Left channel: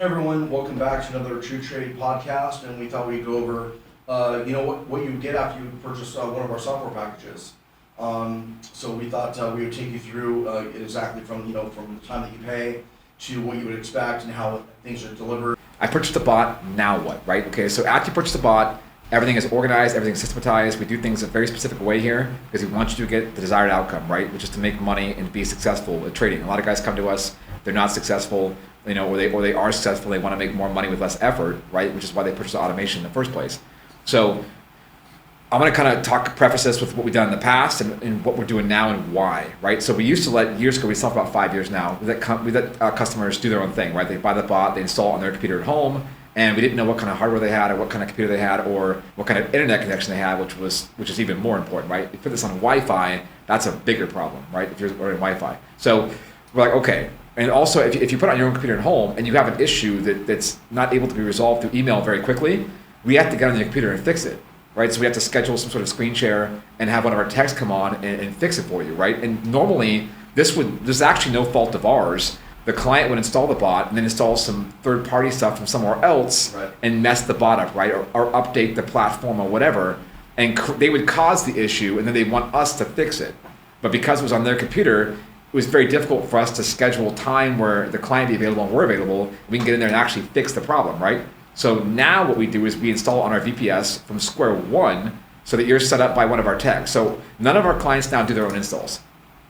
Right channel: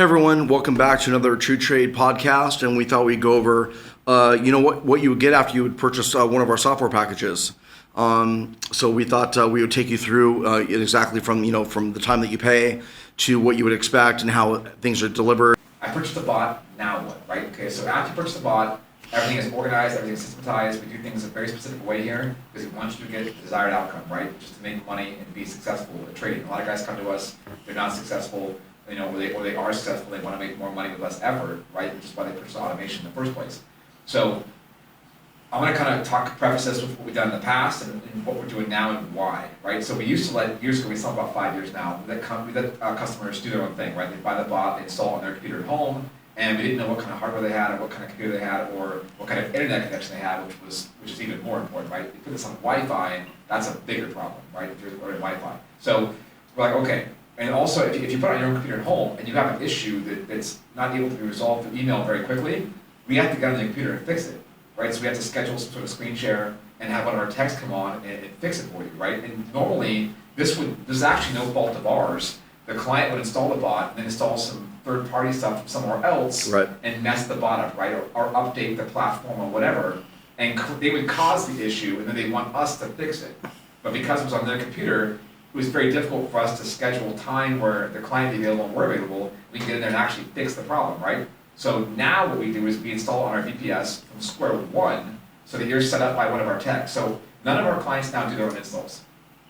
Hey everyone, welcome back to another TruTrade podcast, and we thought we'd go over, what you would get after you would purchase one of our software packages. So we thought we would take you through it exactly from the time that you pay to what you would expect and how things are delivered. I purchased a bot, now what, right? Okay, so after you purchase a bot, everything is organized, everything is systematized. We do things a very specific way here because we want you to get the desired outcome, right? Which is to make money and be successful with trading. A lot of guys come to us, they're not successful, or they are successful, they want to make more money with less effort, right? Which is why they purchase automation in the first place. So I'm going to kind of preface this with what we've done in the past and what we're doing now and why, right? So we used to years ago, we stopped about 5 years now, we let customers do their own thing, right? They buy the bot, they install it on their computer at home, and we didn't know what kind of hardware they had or what kind of computer they had or what kind of internet connection they had, which is even more important, right? If you put this on Wi-Fi, that's a bigger problem, right? If you're ordering Wi-Fi. So we're like, okay. And also, if you put it on your own computer at home and you have an issue that's not able to be resolved through email very quickly, we have to get on your computer and fix it, right? So we have to schedule some sort of screen share and have one of our techs come on and fix it for you, right? And normally, there's actually no fault of ours. The client would install the bot and then install some third-party stuff from somewhere else, right, and mess the bot up, right? Or update the platform or whatever, and they would cause the issue and then they want us to fix it. But because it was on their computer, it was very difficult for us to schedule time where the client be available and we're available. We can get in there and actually fix the problem, right? So now what we do is we install on our VPS from square one so that you're set up by one of our techs. So none of our clients now do their own installs.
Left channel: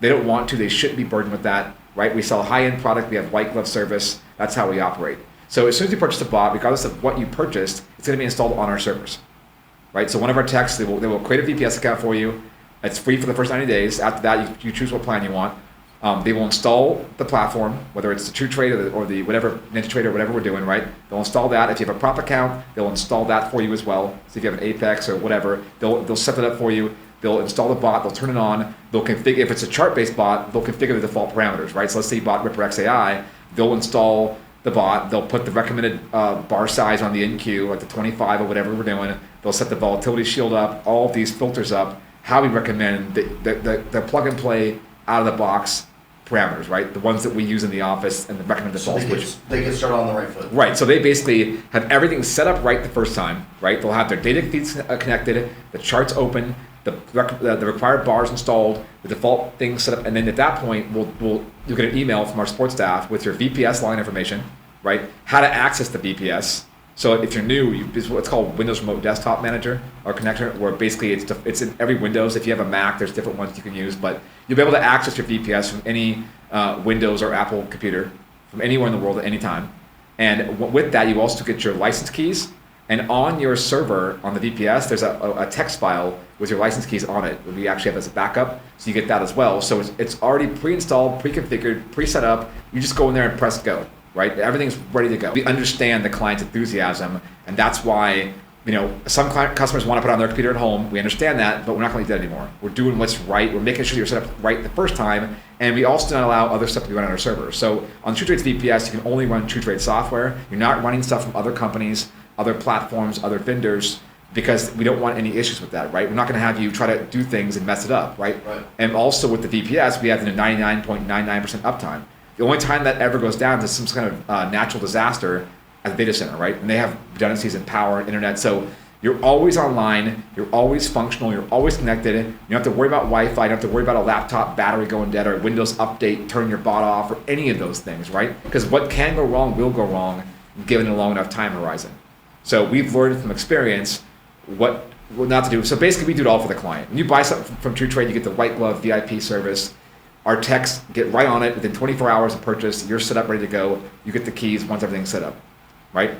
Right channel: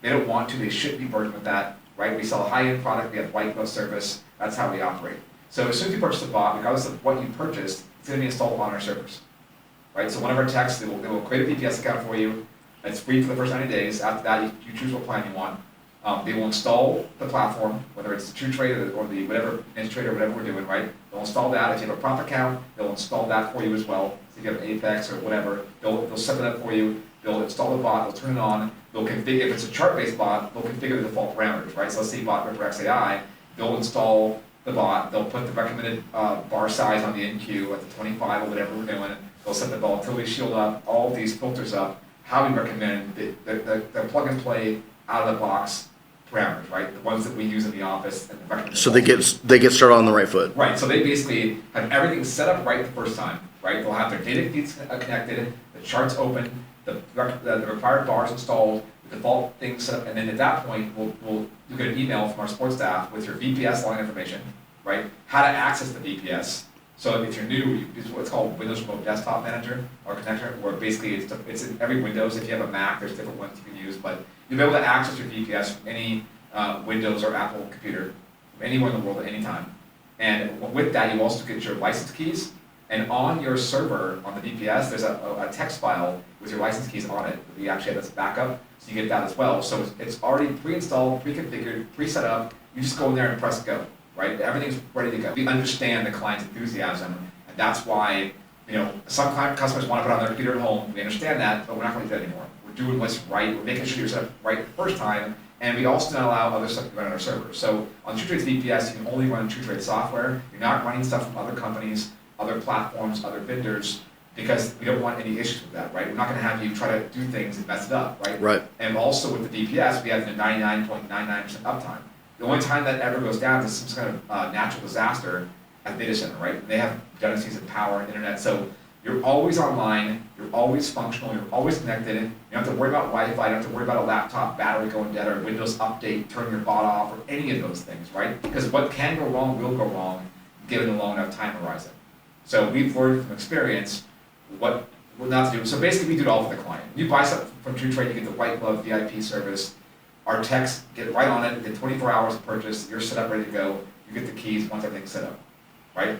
They don't want to, they shouldn't be burdened with that, right? We sell a high-end product, we have white glove service, that's how we operate. So as soon as you purchase a bot, regardless of what you purchased, it's gonna be installed on our servers, right? So one of our techs, they will create a VPS account for you. It's free for the first 90 days. After that, you choose what plan you want. They will install the platform, whether it's the TruTrade or the whatever NinjaTrade or whatever we're doing, right? They'll install that. If you have a prop account, they'll install that for you as well. So if you have an Apex or whatever, they'll set it up for you. They'll install the bot. They'll turn it on. They'll configure. If it's a chart-based bot, they'll configure the default parameters, right? So let's say you bought Ripper XAI. They'll install the bot. They'll put the recommended bar size on the NQ, like the 25 or whatever we're doing. They'll set the volatility shield up. All of these filters up. How we recommend the plug and play out of the box parameters, right? The ones that we use in the office and the recommended. So they get started on the right foot. Right. So they basically have everything set up right the first time, right? They'll have their data feeds connected, the charts open, the required bars installed, the default things set up, and then at that point, you'll get an email from our support staff with your VPS line information, right? How to access the VPS. So if you're new, it's what's called Windows Remote Desktop Manager or Connector, where basically it's in every Windows. If you have a Mac, there's different ones you can use, but you'll be able to access your VPS from any Windows or Apple computer from anywhere in the world at any time. And with that, you also get your license keys. And on your server, on the VPS, there's a text file with your license keys on it. We actually have as a backup, so you get that as well. So it's already pre-installed, pre-configured, pre-set up. You just go in there and press go. Right? Everything's ready to go. We understand the client's enthusiasm, and that's why, some customers want to put it on their computer at home. We understand that, but we're not going to do that anymore. We're doing what's right. We're making sure you're set up right the first time, and we also don't allow other stuff to be run on our server. So on TruTrade's VPS, you can only run TruTrade software. You're not running stuff from other companies, other platforms, other vendors, because we don't want any issues with that, right? We're not going to have you try to do things and mess it up, right? Right. And also with the VPS, we have the 99.99% uptime. The only time that ever goes down is some kind of natural disaster at the data center, right? And they have redundancies in power, internet. So you're always online, you're always functional, you're always connected. You don't have to worry about Wi-Fi, you don't have to worry about a laptop battery going dead or Windows update, turn your bot off, or any of those things, right? Because what can go wrong will go wrong given a long enough time horizon. So we've learned from experience what not to do. So basically we do it all for the client. When you buy something from TruTrade, you get the white glove VIP service. Our techs get right on it within 24 hours of purchase. You're set up, ready to go. You get the keys once everything's set up, right?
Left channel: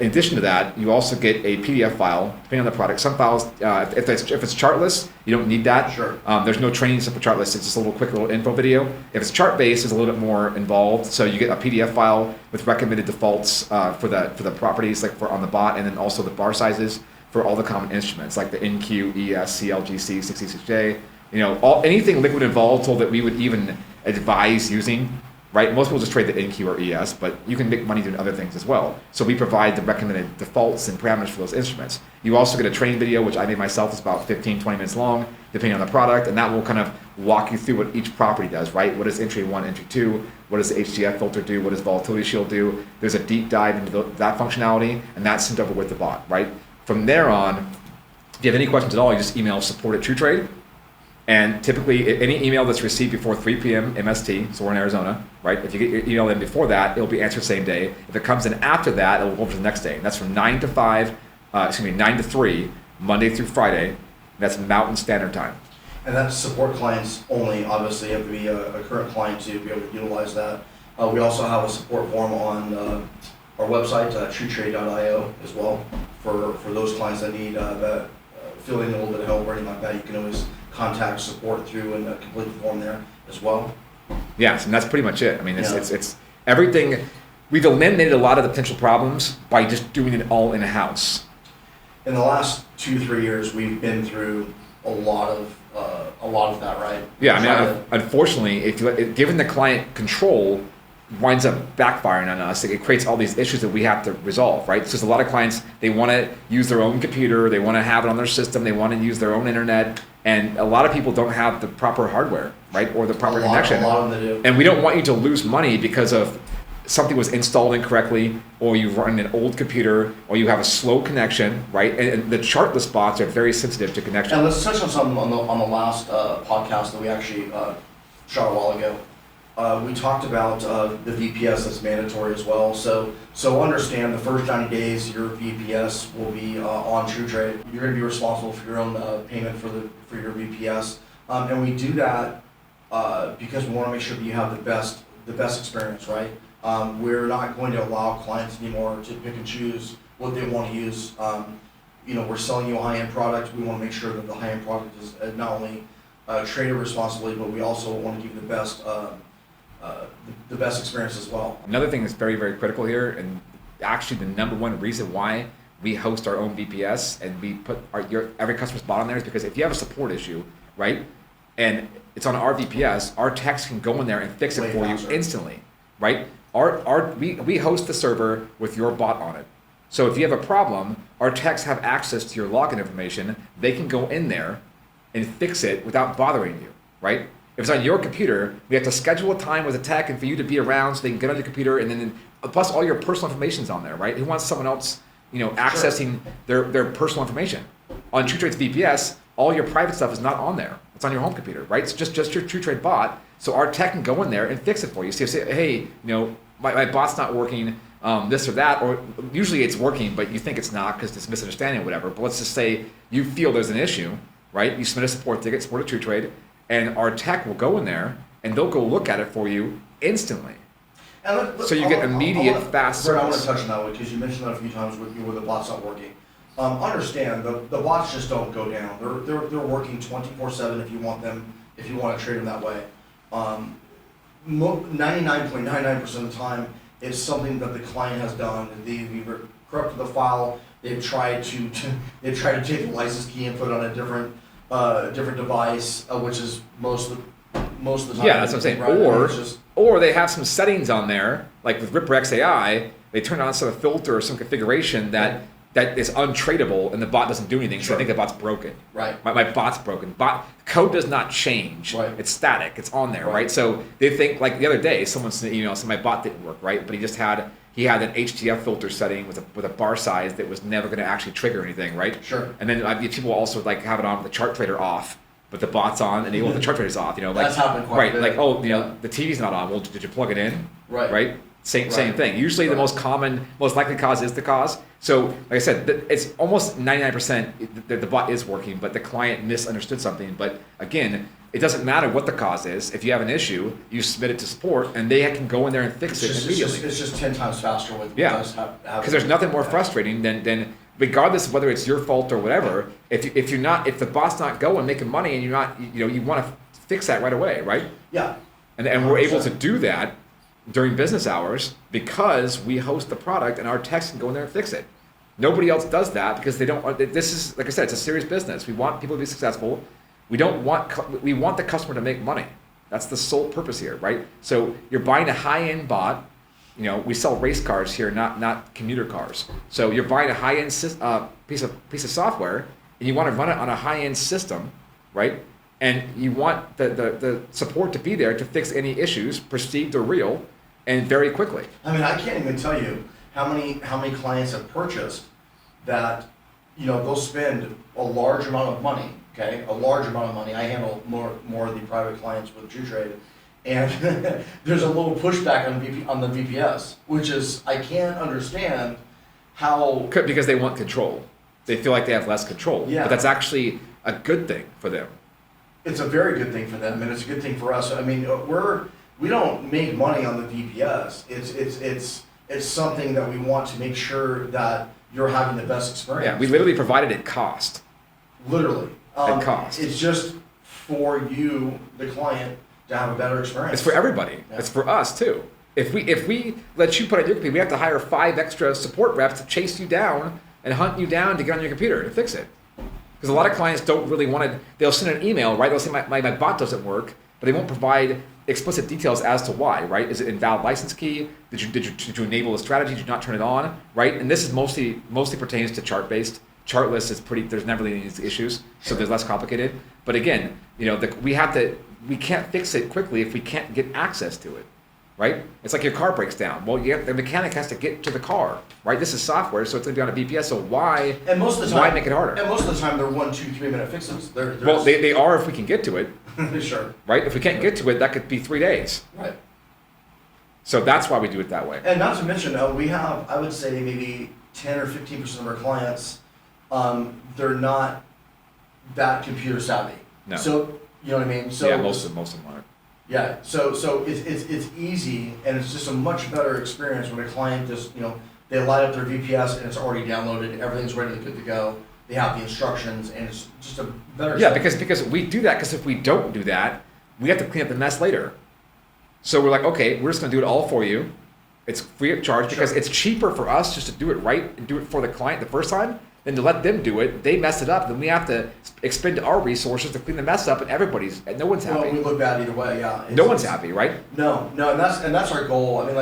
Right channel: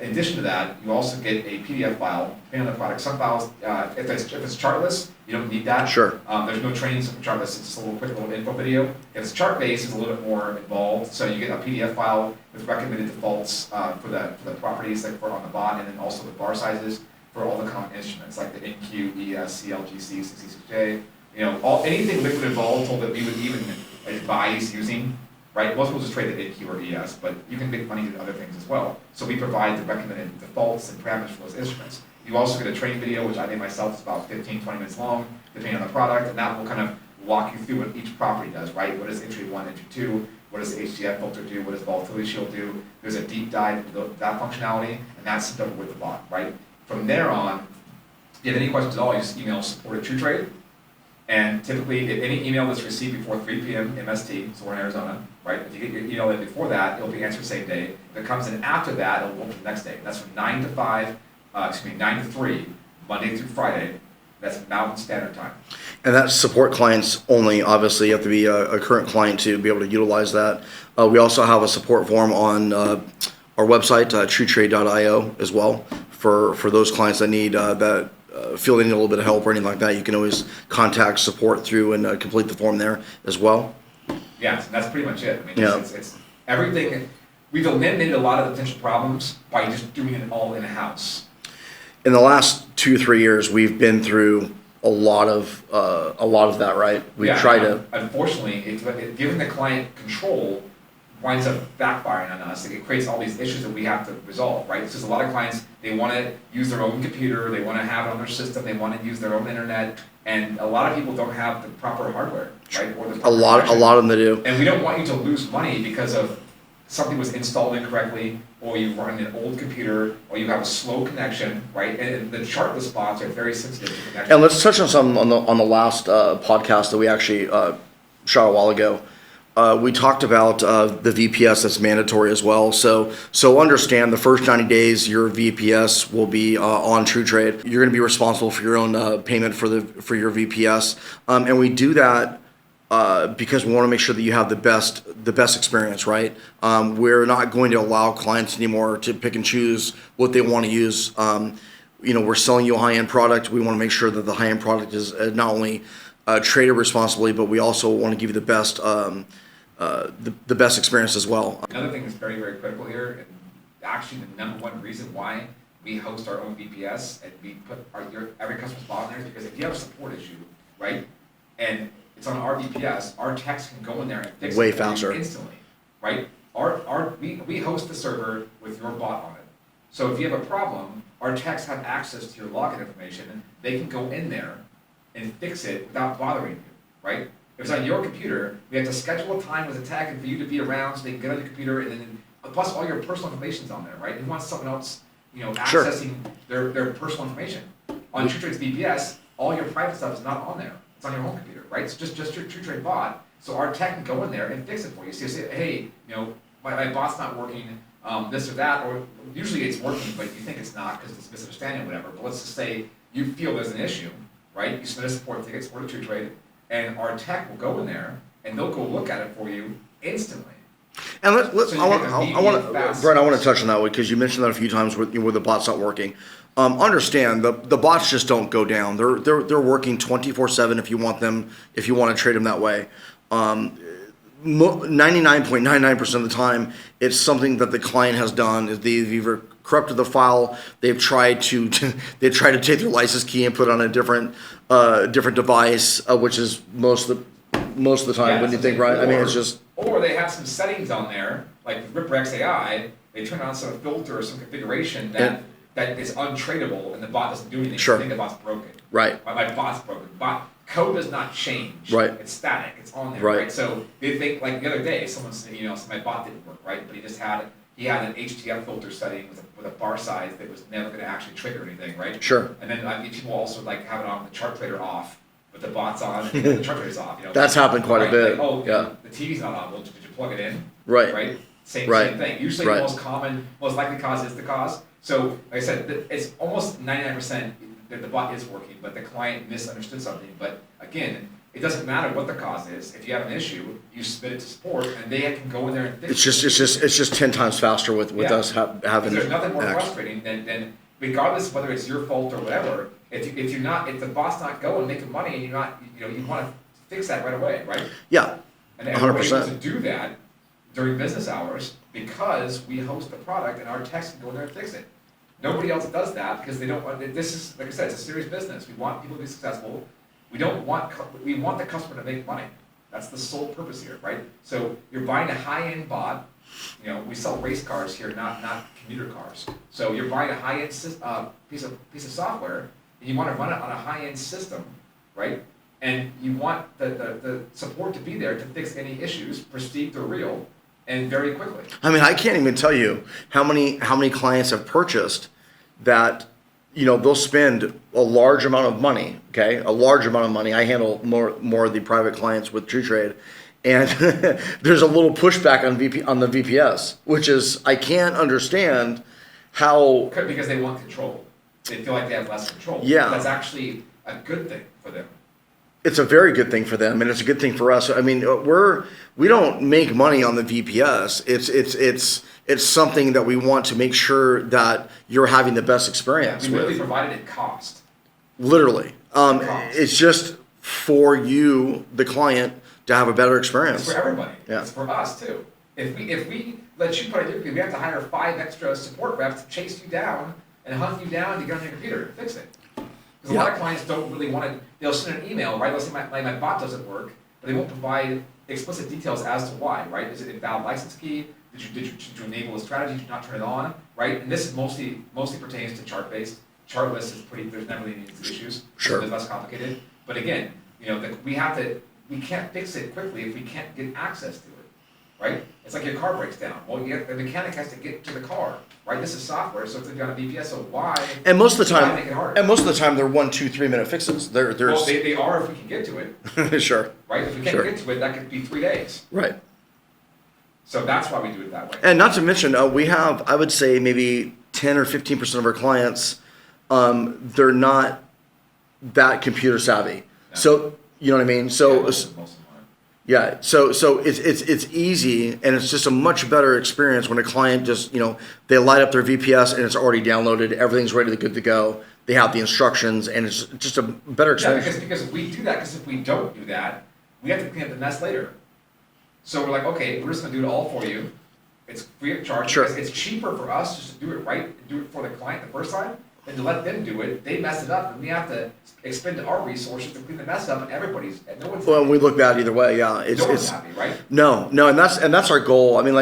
In addition to that, you also get a PDF file, depending on the product. Some files, if it's chartless, you don't need that. Sure. There's no training stuff for chartless. It's just a quick little info video. If it's chart-based, it's a little bit more involved. So you get a PDF file with recommended defaults for the properties, like on the bot, and then also the bar sizes for all the common instruments, like the NQ, ES, CLGC, 66J. Anything liquid and volatile that we would even advise using, right? Most people just trade the NQ or ES, but you can make money doing other things as well. So we provide the recommended defaults and parameters for those instruments. You also get a training video, which I made myself. It's about 15, 20 minutes long, depending on the product, and that will kind of walk you through what each property does, right? What is entry 1, entry 2, what does the HDF filter do, what does volatility shield do. There's a deep dive into that functionality, and that's sent over with the bot, right? From there on, if you have any questions at all, you just email support@TruTrade. And typically, any email that's received before 3 p.m. MST, so we're in Arizona, right? If you get your email in before that, it'll be answered same day. If it comes in after that, it'll go over to the next day. And that's from 9 to 3, Monday through Friday. That's Mountain Standard Time. And that's support clients only. Obviously, you have to be a current client to be able to utilize that. We also have a support form on our website, TruTrade.io, as well, for those clients that need that. Feel they need a little bit of help or anything like that, you can always contact support through and complete the form there as well. Yes, and that's pretty much it. I mean, it's everything. We've eliminated a lot of the potential problems by just doing it all in-house. In the last 2-3 years, we've been through a lot of that, right? Unfortunately, given the client control, winds up backfiring on us. It creates all these issues that we have to resolve, right? So there's a lot of clients, they want to use their own computer, they want to have it on their system, they want to use their own internet, and a lot of people don't have the proper hardware, right? Or the proper connection. A lot of them do. And we don't want you to lose money because of something was installed incorrectly, or you run an old computer, or you have a slow connection, right? And the chartless bots are very sensitive to connection. And let's touch on something on the last podcast that we actually shot a while ago. We talked about the VPS that's mandatory as well. So understand the first 90 days your VPS will be on TruTrade. You're going to be responsible for your own payment for your VPS, and we do that because we want to make sure that you have the best experience, right? We're not going to allow clients anymore to pick and choose what they want to use. We're selling you a high-end product. We want to make sure that the high-end product is not only traded responsibly, but we also want to give you the best. The best experience as well. Another thing that's very, very critical here, and actually the number one reason why we host our own VPS and we put every customer's bot on there is because if you have a support issue, right, and it's on our VPS, our techs can go in there and fix it for you instantly, right? We host the server with your bot on it. So if you have a problem, our techs have access to your login information. They can go in there and fix it without bothering you, right? If it's on your computer, we have to schedule a time with a tech and for you to be around so they can get on your computer, and then plus all your personal information's on there, right? Who wants someone else, accessing their personal information? On TruTrade's VPS, all your private stuff is not on there. It's on your home computer, right? It's just your TruTrade bot. So our tech can go in there and fix it for you. So you say, hey, my bot's not working, this or that, or usually it's working, but you think it's not because it's misunderstanding or whatever. But let's just say you feel there's an issue, right? You submit a support ticket, support at TruTrade, and our tech will go in there and they'll go look at it for you instantly. And so you get immediate fast. Brett, I want to touch on that one because you mentioned that a few times where the bot's not working. Understand the bots just don't go down. They're working 24/7 if you want to trade them that way. 99.99% of the time, it's something that the client has done. They've either corrupted the file, they've tried to take their license key and put it on a different device, which is most of the time. Yeah, that's the thing. Right? Or they have some settings on there, like with Ripper XAI, they turn on some filter or some configuration that is untradeable, and the bot doesn't do anything. Sure. So I think the bot's broken. Right. My bot's broken. Code does not change. Right. It's static. It's on there. Right. So they think, like the other day, someone sent an email, so my bot didn't work. Right. But he had an HDF filter setting with a bar size that was never going to actually trigger anything. Right. Sure. And then people also have it on with the chart trader off, but the bot's on, and the chart trader's off. That's happened quite a bit. Like, the TV's not on. Well, did you plug it in? Right. Right. Same thing. Usually the most likely cause is the cause. So, like I said, it's almost 99% that the bot is working, but the client misunderstood something. But again, it doesn't matter what the cause is. If you have an issue, you submit it to support, and they can go in there and fix it. It's just 10 times faster with us having. Because there's nothing more frustrating than regardless of whether it's your fault or whatever. If the bot's not going, making money, and you're not, you want to fix that right away, right? Yeah. And we're able to do that during business hours because we host the product and our techs can go in there and fix it. Nobody else does that because they don't. This is, like I said, it's a serious business. We want people to be successful. We want the customer to make money. That's the sole purpose here, right? So you're buying a high-end bot. We sell race cars here, not commuter cars. So you're buying a high-end piece of software, and you want to run it on a high-end system, right? and you want the support to be there to fix any issues, perceived or real, and very quickly. I mean, I can't even tell you how many clients have purchased that, they'll spend a large amount of money, okay? A large amount of money. I handle more of the private clients with TruTrade. And there's a little pushback on the VPS, which is, I can't understand how... Because they want control. They feel like they have less control. Yeah. But that's actually a good thing for them. It's a very good thing for them, and it's a good thing for us. I mean, we don't make money on the VPS. It's something that we want to make sure that you're having the best experience. Yeah, we literally provided it cost. Literally. Cost. It's just for you, the client, to have a better experience. It's for everybody. Yeah. It's for us too. If we let you put on your computer, we have to hire 5 extra support reps to chase you down and hunt you down to get on your computer and fix it. Because a lot of clients don't really want to, they'll send an email, right? They'll say my bot doesn't work, but they won't provide explicit details as to why, right? Is it an invalid license key? Did you enable a strategy? Did you not turn it on, right? And this is mostly pertains to chart-based. Chartless is there's never really any issues, Sure. so it's less complicated. But again, we can't fix it quickly if we can't get access to it. Right? It's like your car breaks down. Well, the mechanic has to get to the car, right? This is software, so it's going to be on a VPS. So why? And most of the time, why make it harder? And most of the time, they're 1, 2, 3 minute fixes. Well, they are if we can get to it. Sure. Right? If we can't Sure. get to it, that could be 3 days. Right. So that's why we do it that way. And not to mention, we have, I would say, maybe 10 or 15% of our clients, they're not that computer savvy. No. So you know what I mean. So yeah, most of them aren't. Yeah, so it's easy, and it's just a much better experience when a client just, they light up their VPS and it's already downloaded, everything's ready to good to go. They have the instructions, and it's just a better experience. Yeah, because we do that, because if we don't do that, we have to clean up the mess later. So we're like, okay, we're just going to do it all for you. It's free of charge, Sure. because it's cheaper for us just to do it right and do it for the client the first time than to let them do it. They mess it up, then we have to expend our resources to clean the mess up, and no one's happy. Well, we look bad either way. Yeah, no one's happy, right? No, and that's our goal. I mean,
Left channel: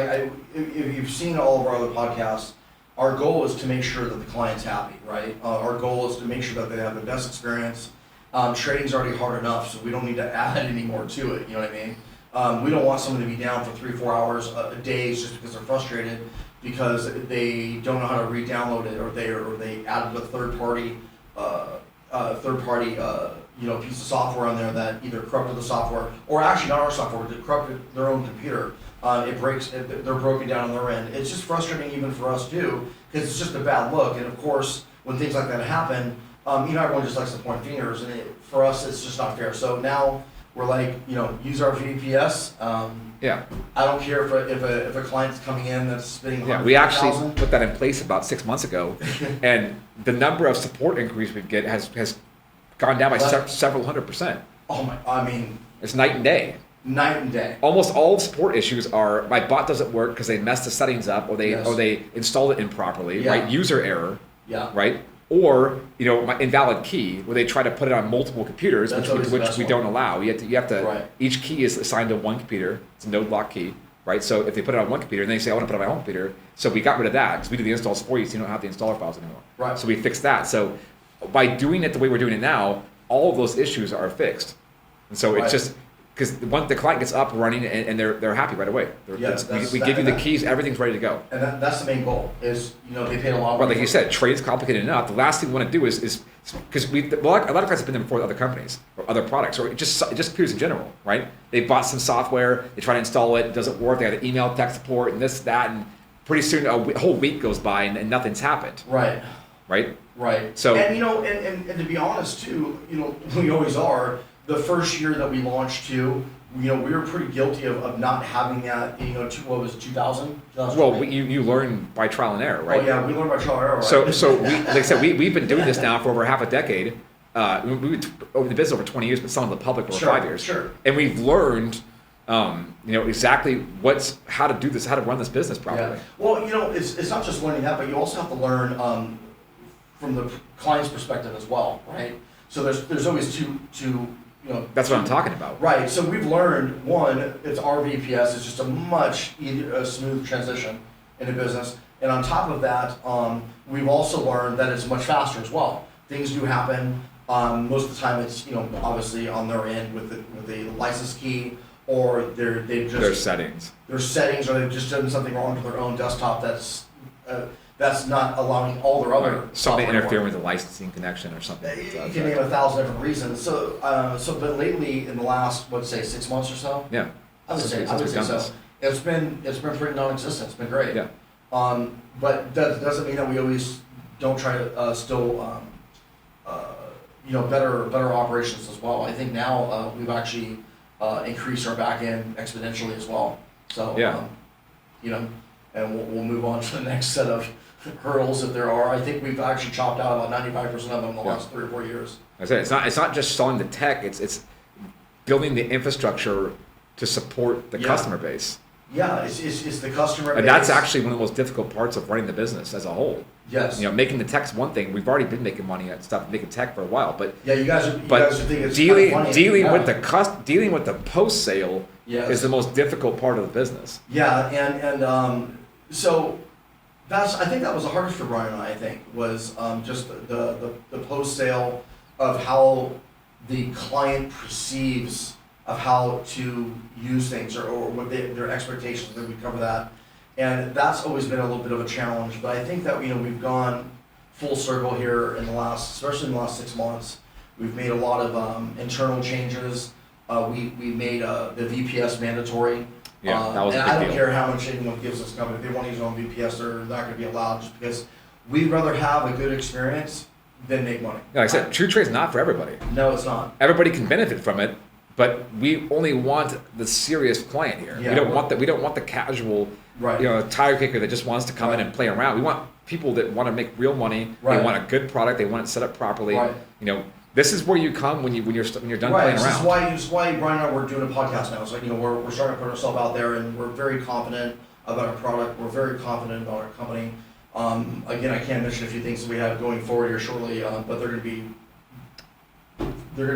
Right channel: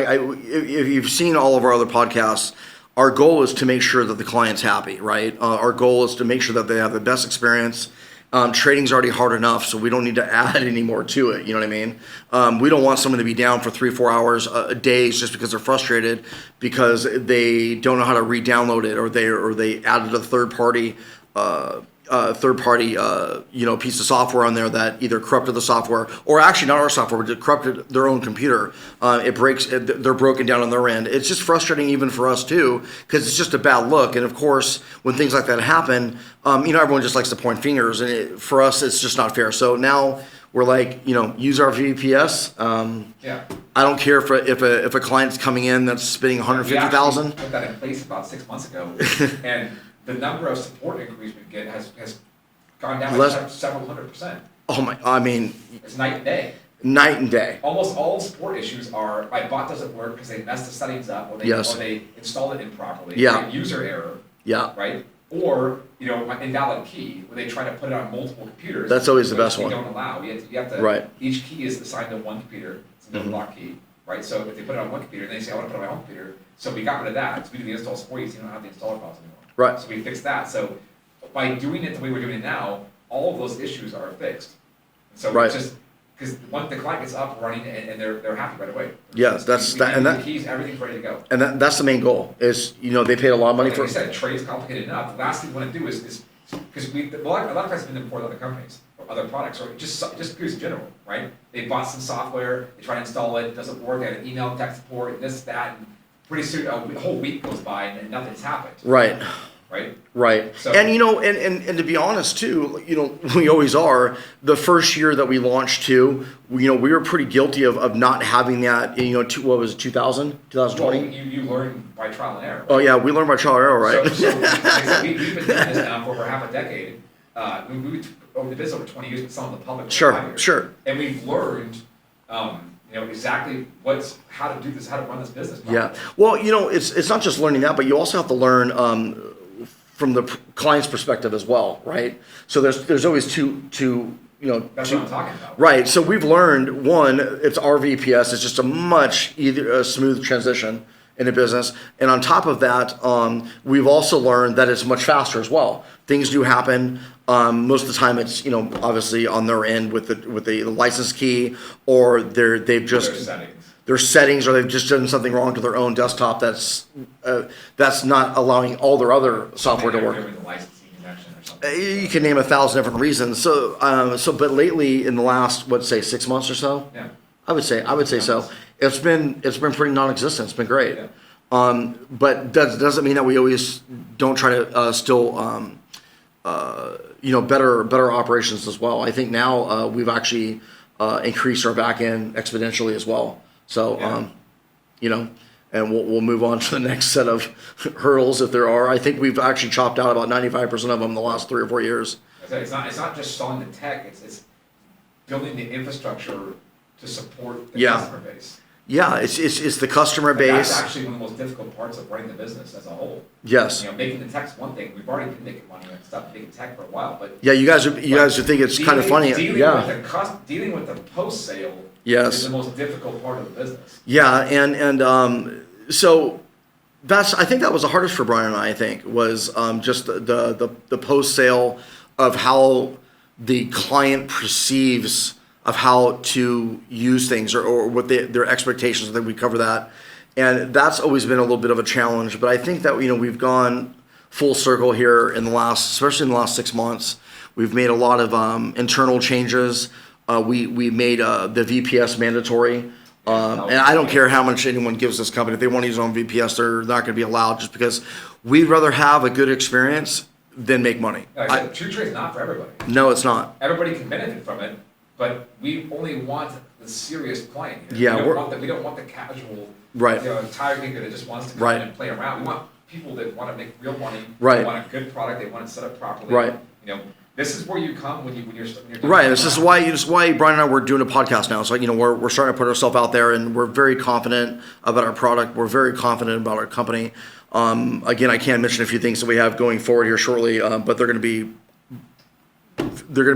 if you've seen all of our other podcasts, our goal is to make sure that the client's happy, right? Our goal is to make sure that they have the best experience. Trading's already hard enough, so we don't need to add any more to it. You know what I mean? We don't want someone to be down for 3-4 hours a day just because they're frustrated because they don't know how to re-download it, or they added a third party piece of software on there that either corrupted the software, or actually not our software, but corrupted their own computer. It breaks. They're broken down on their end. It's just frustrating even for us too, because it's just a bad look. And of course, when things like that happen, everyone just likes to point fingers, and for us, it's just not fair. So now we're like, use our VPS. Yeah. I don't care if a client's coming in that's spending $150,000. We actually put that in place about 6 months ago, and the number of support inquiries we get has gone down by several 100%. Oh my! I mean, it's night and day. Night and day. Almost all support issues are my bot doesn't work because they messed the settings up, or they installed it improperly. Yeah. Right? User error. Yeah. Right. Or my invalid key, where they try to put it on multiple computers. That's always the best one. one. We don't allow. You have to. Right. Each key is assigned to one computer. It's a node lock key. Right. So if they put it on one computer, and then they say I want to put it on my home computer, so we got rid of that because we do the installs for you, so you don't have the installer files anymore. Right. So we fixed that. So by doing it the way we're doing it now, all of those issues are fixed, and so Right. it's just. Because once the client gets up running and they're happy right away. Yes, we give you the keys, everything's ready to go. And that's the main goal. Is they paid a lot of money. Like you said, trade's complicated enough. The last thing we want to do is because a lot of guys have been there before with other companies or other products, or just computers in general, right? They bought some software, they try to install it, doesn't work. They got an email, tech support, and this, that, and pretty soon a whole week goes by and nothing's happened. Right. Right. Right. So and to be honest too, we always are. The first year that we launched too, we were pretty guilty of not having that. What was it, 2020? Well, you learn by trial and error, right? Oh yeah, we learned by trial and error, right? So like I said, we've been doing this now for over half a decade. We over the business over 20 years, but some of the public over 5 years. Sure. And we've learned, exactly how to do this, how to run this business properly. Yeah. Well, it's not just learning that, but you also have to learn from the client's perspective as well, right? So there's always two. That's what I'm talking about. Right. So we've learned, one, it's our VPS. It's just a much smooth transition in a business, and on top of that, we've also learned that it's much faster as well. Things do happen. Most of the time, it's obviously on their end with the license key, or they've just their settings, or they've just done something wrong to their own desktop that's not allowing all their other software to work. Interfering with the licensing connection or something. You can name 1,000 different reasons. But lately, in the last 6 months or so, Yeah. I would say so. It's been pretty non-existent. It's been great. Yeah. But that doesn't mean that we always don't try to still better operations as well. I think now we've actually increased our back end exponentially as well. So and we'll move on to the next set of hurdles if there are. I think we've actually chopped out about 95% of them in the last 3 or 4 years. I said it's not just selling the tech. It's building the infrastructure to support the customer base. Yeah, it's the customer base. And that's actually one of the most difficult parts of running the business as a whole. Yes. Making the tech's one thing. We've already been making money at stuff, making tech for a while, but yeah, you guys think it's kind of funny. Dealing with the post sale is the most difficult part of the business. Yeah, and so I think that was the hardest for Brian and I think was just the post sale of how the client perceives of how to use things or what their expectations. I think we cover that, and that's always been a little bit of a challenge. But I think that we've gone full circle here especially in the last 6 months. We've made a lot of internal changes. We made the VPS mandatory, and I don't care how much anyone gives this company. If they want to use their own VPS, they're not going to be allowed, just because we'd rather have a good experience than make money. Like I said, TruTrade is not for everybody. No, it's not. Everybody can benefit from it. But we only want the serious client here. Yeah, we don't want the casual, right. tire kicker that just wants to come in and play around. We want people that want to make real money. Right. They want a good product. They want it set up properly. Right. This is where you come when you're done. Right. This is why Brian and I, we're doing a podcast now. So we're starting to put ourselves out there, and we're very confident about our product. We're very confident about our company. Again, I can't mention a few things that we have going forward here shortly, but they're going to be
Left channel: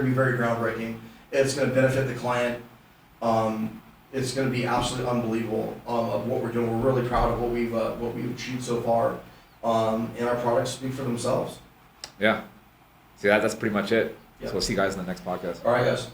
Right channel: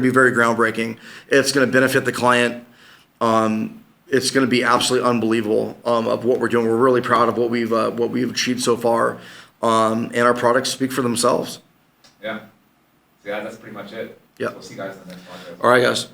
very groundbreaking. It's going to benefit the client. It's going to be absolutely unbelievable of what we're doing. We're really proud of what we've achieved so far, and our products speak for themselves. Yeah. See, that's pretty much it. Yeah. So we'll see you guys in the next podcast. All right, guys.